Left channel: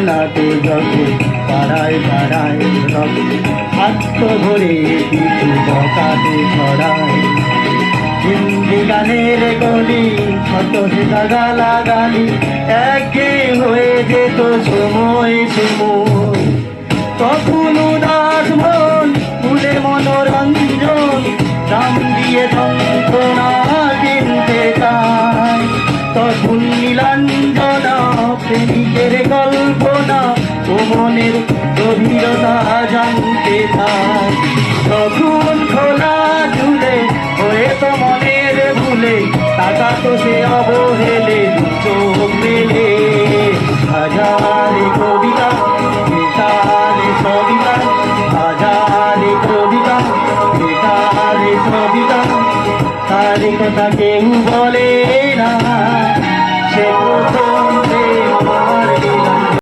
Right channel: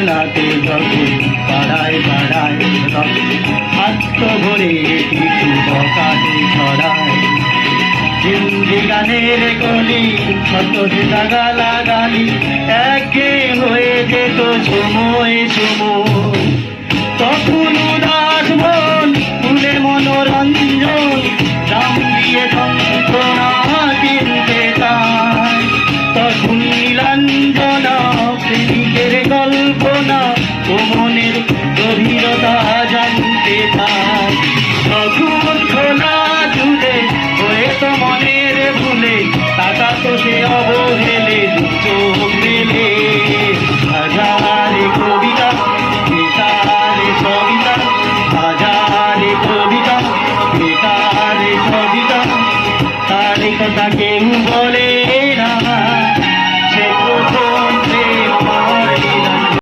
বেদনাতে যখন পাড়ায় পাড়ায় হাত ধরে কিছু বকাতে ছড়ায় হিন্দি গানের গলি কত গালাগালি একে হয়ে যেত সময় সময় তখন উদাস মন ফুলের মনোরঞ্জন দাম দিয়ে যন্ত্রণা কিনতে চায় তখন নীলাঞ্জনা প্রেমিকের কল্পনা ও মনের গভীরতা জানতে চায় তখন খোলা ঝুলে হয়ে তো মনের ভুলে তাকাতো সে অবহেলে চোখ মেলে হাজারে কবিতা বেতারে সবিতা হাজারে কবিতা বেতারে সবিতা তার কথা কেউ বলে